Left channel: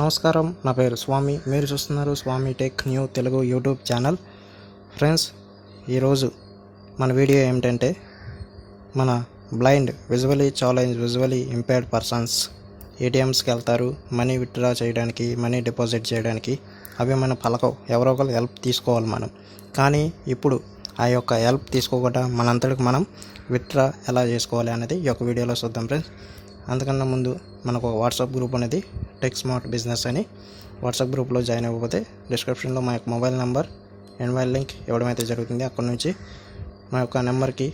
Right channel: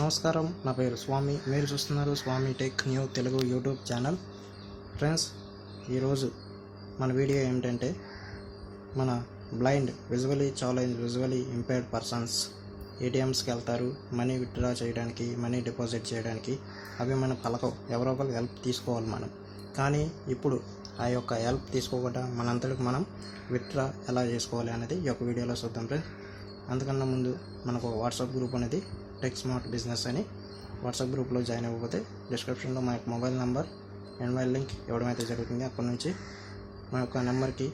నమస్కారం, నా పేరు స్వామి. మీరు చూస్తున్నారు Swamy tech new Telugu YouTube channel. Friends, ఈరోజు మన వీడియో ఏమిటంటే మన బ్లైండ్, విజువలీ ఇంపైర్డ్ పర్సన్స్ ఏటీఎమ్స్కి వెళ్తారు మనీ విత్డ్రా చేయడానికి, మనీ డిపాజిట్ చేయడానికి. అవి మన పలకవు, ఎవరో ఒకరు హెల్ప్ తీసుకోవాలి మనం. కానీ ఇప్పుడు ఆ యొక్క హెల్ప్ తీసుకోకుండా మనంతటికి మనం విత్డ్రా ఎలా చేసుకోవాలి అనేది ఈ యొక్క వీడియోలో చూద్దాం ఫ్రెండ్స్. అందుకన్నా ముందు మనకు ఒక వాట్సాప్ గ్రూప్ అనేది టెక్ స్మార్ట్ బిజినెస్ అని వాట్సాప్ గ్రూప్లో జాయిన్ అవ్వకపోతే డిస్క్రిప్షన్లో మా యొక్క మొబైల్ నెంబర్, ఇన్వైట్ లింక్ ఇవ్వడం అయితే జరుగుతుంది. అక్కడ నుంచి మా యొక్క నెంబర్కి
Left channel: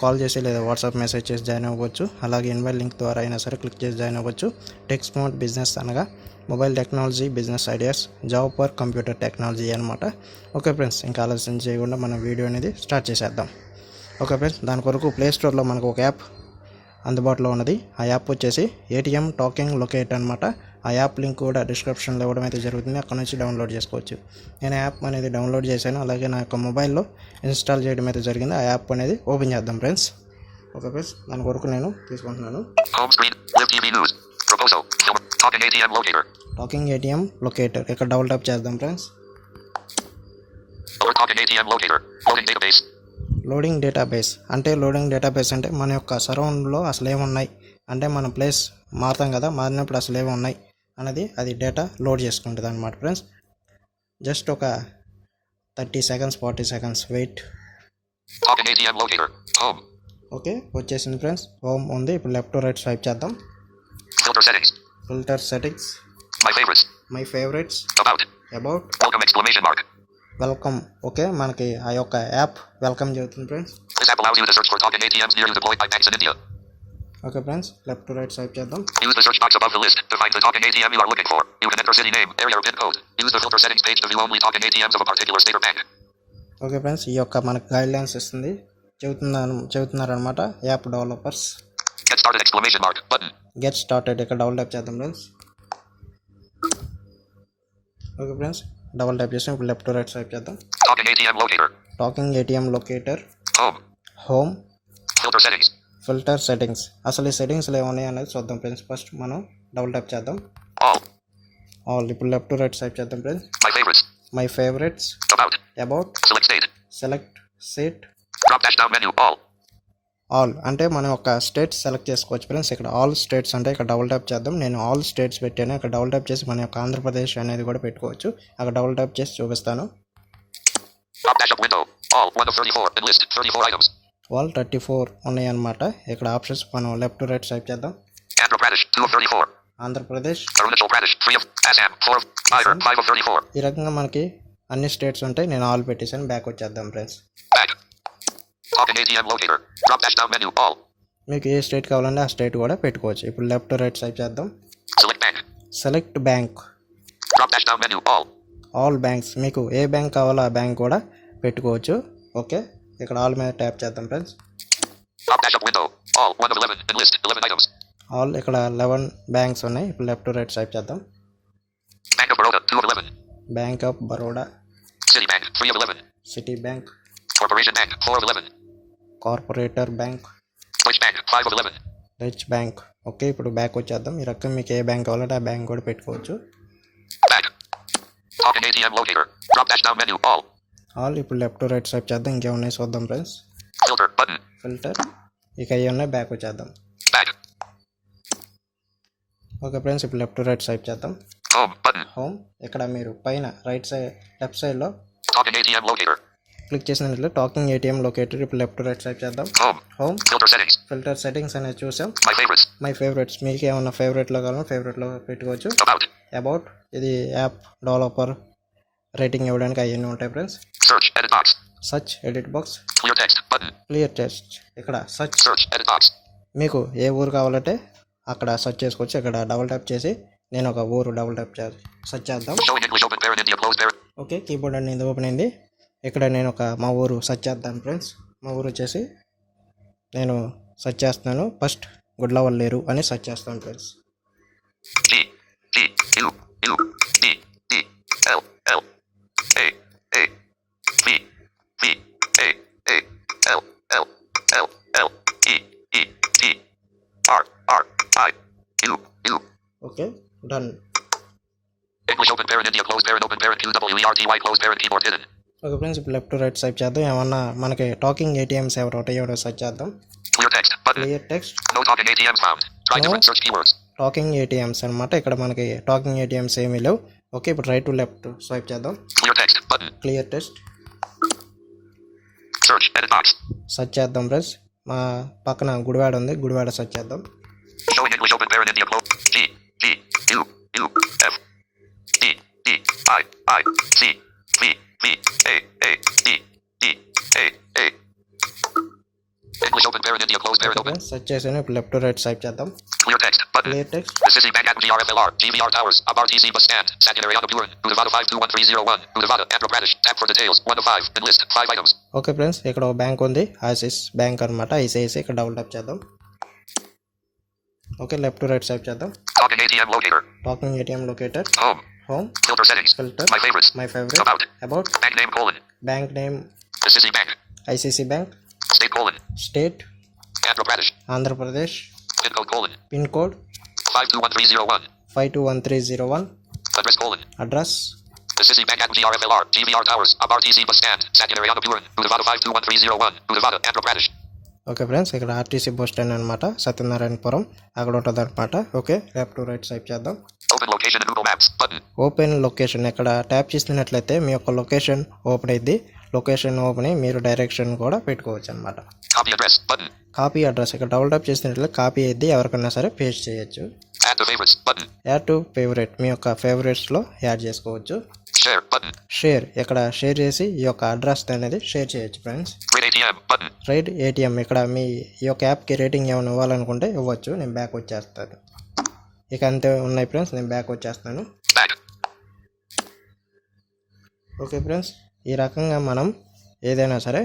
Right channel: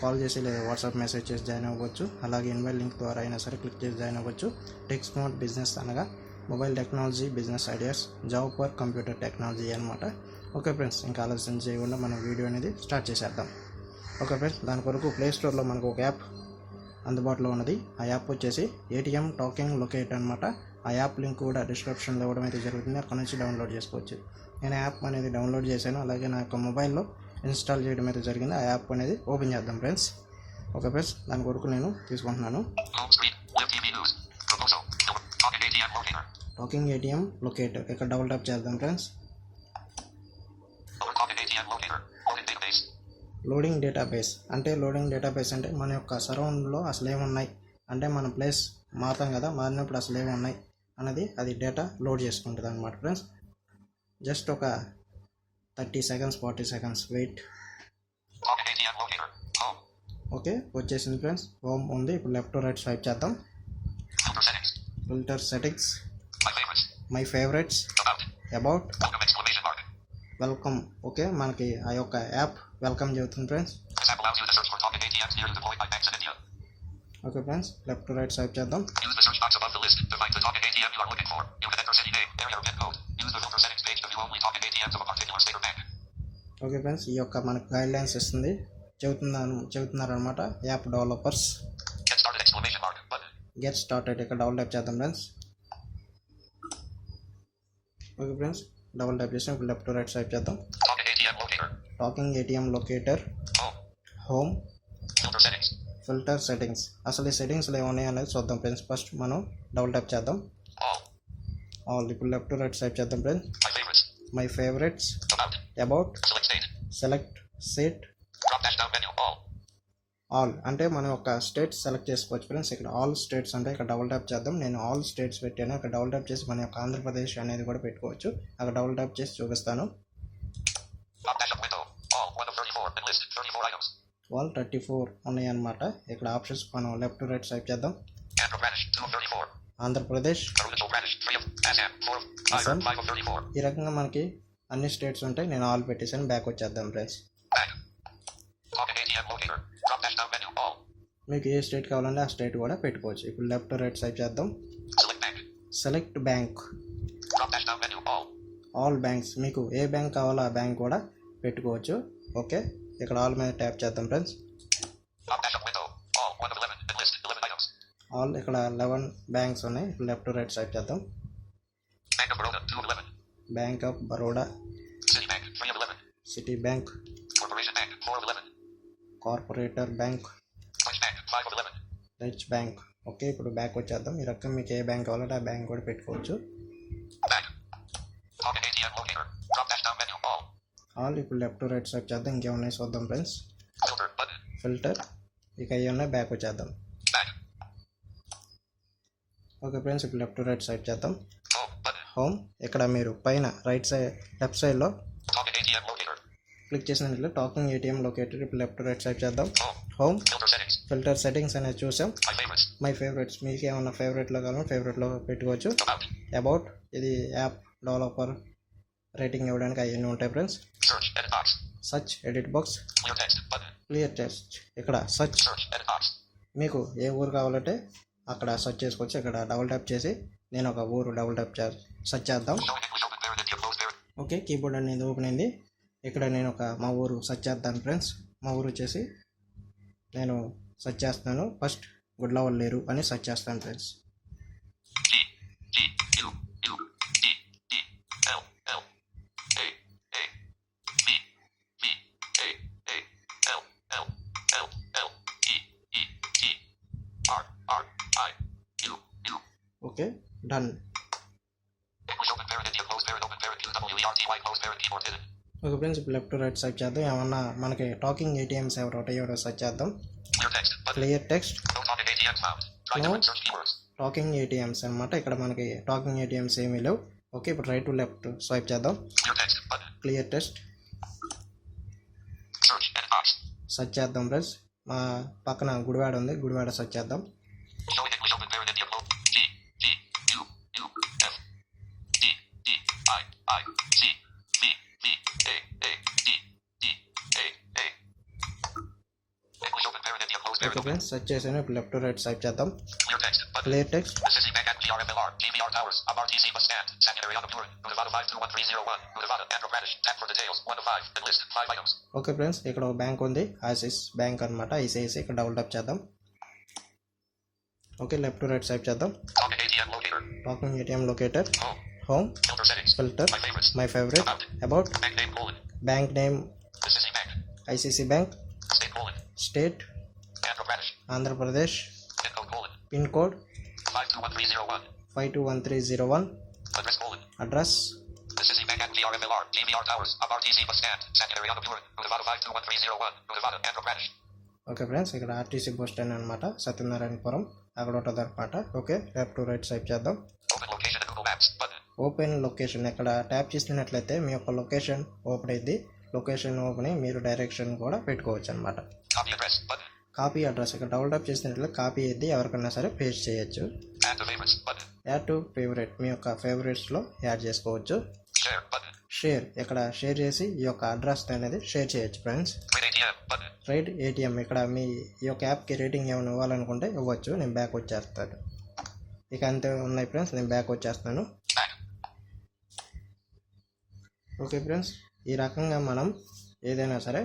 కాల్ చేసి లేదా వాట్సాప్ మెసేజ్ చేసి జాయిన్ అవ్వచ్చు. అలాగే ఇన్వైట్ లింక్ ద్వారా అయినా సరే క్లిక్ చేసి జాయిన్ అవ్వచ్చు. టెక్ స్మార్ట్ బిజినెస్ అనగా mobile technology, business ideas, job for computer technology అనమాట. ఓకే ఫ్రెండ్స్, ఇంకా ఆలస్యం చేయకుండా మనం వీడియో అనేది స్టార్ట్ చేసేద్దాం. ఓకే ఫ్రెండ్స్, దాని కొరకు ప్లే స్టోర్లో మనకు ఒక యాప్ అందుబాటులో ఉన్నది. ఆ యాప్ వచ్చేసి ఏటీఎం టాకింగ్ లొకేటర్ అనమాట. ఆ యాప్ లింక్ కూడా డిస్క్రిప్షన్లో ఇవ్వడం అయితే జరుగుతుంది. అక్కడ నుంచి డౌన్లోడ్ చేసుకోవచ్చు. నేను యాప్ అనేది డౌన్లోడ్ చేశాను, అలాగే నా యొక్క మొబైల్లో ఇన్స్టాల్ చేయడం అయితే జరిగింది. ఆ యాప్ అనేది ఓపెన్ చేద్దాం ఫ్రెండ్స్. ఓకే ఫ్రెండ్స్, దాని కొరకు నేను తీసుకుంటున్నాను. టాకింగ్ ఏటీఎం లొకేటర్ ఇక్కడ డబుల్ ట్యాప్ చేద్దాం ఫ్రెండ్స్. లోడింగ్ డేటాబేస్ అంటే మన యొక్క సరౌండ్లో అసలు ఏమున్నాయి అంటే మన ప్లేస్ మారుతాం కదా, మారినప్పుడు అసలు ఏమున్నాయి అనేది అది డేటా లోడ్ చేసుకుంటుంది అనమాట ఫ్రెండ్స్. జస్ట్ ఒక 30 సెకండ్స్ 40 సెకండ్స్ వెయిట్. ఓకే, వచ్చేసింది ఫ్రెండ్స్. హోమ్ ఉంది. ఇప్పుడు లెఫ్ట్ టు రైట్ స్వైప్ చేద్దాం. Filter settings, my favourites, about, welcome. Okay, మనకి ఆ యొక్క యాప్ వెల్కమ్ చెబుతుంది friends. Okay friends, left to right swipe చేద్దాం. ఓకే ఫ్రెండ్స్, ఈ యొక్క మనకు గైడ్ లైన్స్ ఇస్తుంది, చెబుతున్నారనమాట యాప్ డెవలపర్స్. గెట్ స్టార్టెడ్ ఇక్కడ డబుల్ ట్యాప్ చేద్దాం friends. Okay friends, double tap చేసి ఇప్పుడు లెఫ్ట్ టు రైట్ స్వైప్ చేద్దాం. Talking ATM locator, home, filter settings. అసలు ఈ సెట్టింగ్స్లో ఏమున్నాయి అనేది చూద్దాం ఫ్రెండ్స్. ఫస్ట్ మనం డబుల్ ట్యాప్ చేద్దాం. ఆల్ ఇప్పుడు లెఫ్ట్ టు రైట్ స్వైప్ చేద్దాం friends. My favourites, about, select state, all అంటే మనం ఒక స్టేట్ సెలెక్ట్ చేసుకోవచ్చు ఫ్రెండ్స్. ఇక్కడ ఆల్ స్టేట్స్ అంటే ఇక్కడ డబుల్ ట్యాప్ చేద్దాం. నేను ఆల్ స్టేట్స్ పెట్టాను. ఇక్కడ డబుల్ ట్యాప్ చేసి మన యొక్క ఆంధ్రప్రదేశ్ అనేది కూడా పెట్టుకోవచ్చు. అక్కడ డబుల్ ట్యాప్ చేసి చూపిస్తాను. ఆల్ 34 ఉన్నాయి అన్నమాట. ఇక్కడ ఆప్షన్స్ మనం లెఫ్ట్ టు రైట్ స్వైప్ చేద్దాం. ఆంధ్రప్రదేశ్, ఈ రకంగా మనకి అన్ని స్టేట్స్ ఉంటాయి. నేను ఆల్ పెట్టేసాను. బ్యాక్ వచ్చేద్దాం ఫ్రెండ్స్. మీకు ఏ స్టేట్ కావాలంటే ఆ స్టేట్ కూడా పెట్టుకోవచ్చు. ఇప్పుడు లెఫ్ట్ టు రైట్ స్వైప్ చేద్దాం. Select bank, all banks. మీకు ఏ బ్యాంక్ కావాలో ఆ బ్యాంక్ కూడా పెట్టుకోవచ్చు. ఓకే, ఇక్కడ ఆల్ మీద ట్యాప్ చేద్దాం ఫ్రెండ్స్. ఆల్ ఇక్కడ 11 బ్యాంక్స్ ఉన్నాయి. ఇప్పుడు లెఫ్ట్ టు రైట్ స్వైప్ చేద్దాం. Bank of Baroda, city bank, corporator bank, rich bank. Okay, ఇప్పుడు బ్యాక్ వచ్చేద్దాం. ఈ రకం మీకు ఏ బ్యాంక్ కావాలంటే ఆ బ్యాంక్ కూడా పెట్టుకోవచ్చు. ఆల్ ఇప్పుడు లెఫ్ట్ టు రైట్ స్వైప్ చేద్దాం. ఇంకేమున్నాయి చూద్దాం ఫ్రెండ్స్. ఫిల్టర్, ఇక అవి ఉన్నాయి. బ్యాక్ వచ్చేద్దాం. ఓకే ఫ్రెండ్స్, ఇప్పుడు లెఫ్ట్ టు రైట్ స్వైప్ చేద్దాం. హోమ్, ఇక్కడ మీరు పైన లెఫ్ట్ సైడ్లో క్లిక్ చేసినట్లు టాకింగ్ ఏటీఎం లొకేటర్. ఇప్పుడు లెఫ్ట్ టు రైట్ స్వైప్ చేద్దాం. హోమ్, ఫిల్టర్ సెట్టింగ్స్ అనేది చూసాం. మై ఫేవరెట్స్, మీకు ఏమన్నా ఫేవరెట్లో కావాలన్నా ఫేవరెట్లో పెట్టుకోవచ్చు. అబౌట్, ఇది యాప్ డెవలపర్ రేటింగ్ ఇవ్వడానికి అవన్నీ ఉంటాయి friends. Search edit box, clear text. ఇక్కడ సర్చ్, మీకు ఏ ఊరు కావాలంటే అక్కడ సర్చ్ చేసుకోవచ్చు. ఇక్కడ డబుల్ ట్యాప్ చేసి నేను ఒక ఊరు డబుల్ ట్యాప్ సర్చ్ చేద్దాం. ఓకే, కీబోర్డ్ అనేది ఓపెన్ అయింది. ఇక్కడ నేను మా ఊరు సర్చ్ చేద్దాను ఫ్రెండ్స్. మా ఊరు వచ్చేసి నేను సర్చ్ చేస్తున్నాను. ఫస్ట్ గుడ్లవల్లేరు అని సర్చ్ చేస్తాను friends. Okay, done. English open parent India closed parent open parent QWERTY closed parent keyboard hidden. Okay friends, ఇప్పుడు లెఫ్ట్ టు రైట్ స్వైప్ చేద్దాం. ఏమన్నా మనకి టాకింగ్ ఏటీఎంస్ ఎవరు ఉంటాయో సెర్చ్ చేద్దాం. Clear text button. Clear text. No talking ATMs found. Try No. different search keywords. Talking ATMs అనమాట. ఇక్కడ మనకి టాకింగ్ ఏటీఎంస్ ఏమీ లేవు. ఓకే, ఇప్పుడు రైట్ టు లెఫ్ట్ స్వైప్ చేద్దాం. Clear text button. Clear text. Search edit box. Search చేద్దాం friends. మా పక్కన గుడివాడ ఉంది, గుడివాడ సెర్చ్ చేద్దాం. Showing English open parent India closed. G G U U F D D I C V V A D D A English open parent India closed parent open. Search చేసాను. ఇప్పుడు left to right swipe చేద్దాం. Clear text button. Clear text. Assisi Bank at GRFLR, GVR Towers, Abar TC Bus Stand, Sanitary Puran, Udavada 521301, Udavada, Andhra Pradesh. Tap for details. 1 to 5. And list 5 items. Okay friends, ఇక్కడ ఒక bank ఉంది, ISIS bank అనమాట. ICICI ఇక్కడ double top చేద్దాం. Okay, left to right swipe చేద్దాం. Talking ATM locator. Talking ATM locator. Home. Home. Filter settings. Filter. My favorites. My favourite. About. Bank name colon. Bank name Assisi Bank. ICC bank. State colon. State Andhra Pradesh. Andhra Pradesh. Pin code colon. Pin code 521301. 521301. Address colon. Address Assisi Bank at GRFLR, GVR Towers, Abar TC Bus Stand, Sanitary Puran, Udavada 521301, Udavada, Andhra Pradesh. Okay friends, ఇక్కడ RTC bus stand అనమాట, సత్యనారాయణపురం అక్కడ ఉంటుంది అనమాట. Okay, left to right swipe చేద్దాం. Open location in Google Maps button. Open location. ఇక్కడ tap చేసినట్లయితే మీ యొక్క లొకేషన్ ఓపెన్ అయింది. లొకేషన్ ఓపెన్ అయ్యి మీరు డైరెక్షన్ కూడా పెట్టుకోవచ్చు అనమాట. Copy address button. Copy address ఇక్కడ డబుల్ టాప్ చేసినట్లయితే కాపీ అయింది, ఎవరికైనా సరే పేస్ట్ చేయొచ్చు. Add to favorites button. Add to favourite, మీ యొక్క ఫేవరెట్స్లో యాడ్ చేసుకోవచ్చు. Share button. షేర్, ఇక్కడ షేర్ చేసి ఈ యొక్క అడ్రస్ అనేది షేర్ చేయొచ్చు friends. Rate ATM button. Right atrium, ఇక్కడ మీ ఈ యొక్క యాప్కి రేటింగ్ ఏమైనా ఇవ్వాలనుకుంటే ఇవ్వచ్చు. నేను బ్యాక్ వచ్చేస్తాను. ఇక అంతే ఉన్నాయి ఫ్రెండ్స్, నేను బ్యాక్ వచ్చేస్తాను. Back. ఓకే ఫ్రెండ్స్, ఈ రకంగా మనం ఏదైనా సరే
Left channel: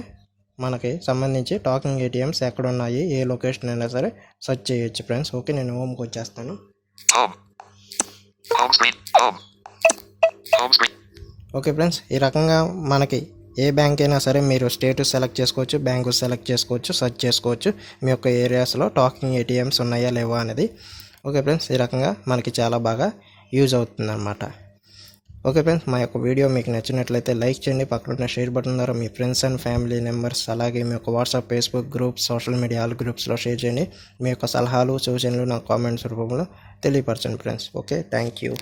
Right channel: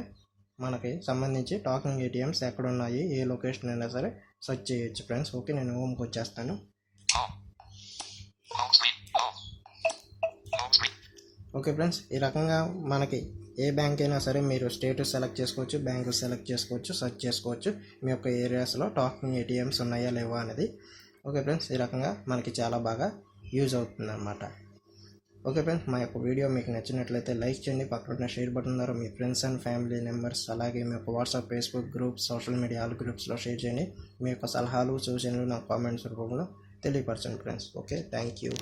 మనకి సంబంధించి టాకింగ్ ఏటీఎంస్ ఎక్కడ ఉన్నాయి, ఏ లొకేషన్ అయినా సరే సెర్చ్ చేయొచ్చు ఫ్రెండ్స్. ఓకే, నేను హోమ్కి వచ్చేస్తాను. Home. Home screen. Home. Home screen. Okay friends, ఈ రకంగా మనకి ఏ బ్యాంక్ అయినా సరే మీరు స్టేటస్ సెలెక్ట్ చేసుకోవచ్చు, బ్యాంకు సెలెక్ట్ చేసుకోవచ్చు, సెర్చ్ చేసుకోవచ్చు మీ యొక్క ఏరియాస్లో టాకింగ్ ఏటీఎంస్ ఉన్నాయా లేవా అనేది. ఓకే ఫ్రెండ్స్, ఈ రకంగా మనకి చాలా బాగా యూజ్ అవుతుంది అనమాట. ఓకే ఫ్రెండ్స్, మా యొక్క వీడియో మీకు నచ్చినట్లయితే లైక్ చేయండి. పక్కన షేర్ బటన్ ద్వారా మీ ఫ్రెండ్స్ అండ్ ఫ్యామిలీ మెంబర్స్, అలాగే మీ యొక్క WhatsApp, Facebook groups, social media all గ్రూప్స్లో షేర్ చేయండి. మీ యొక్క సలహాలు సూచనలు నాకు కామెంట్స్ రూపంలో తెలియపరచండి ఫ్రెండ్స్. Okay, thank you.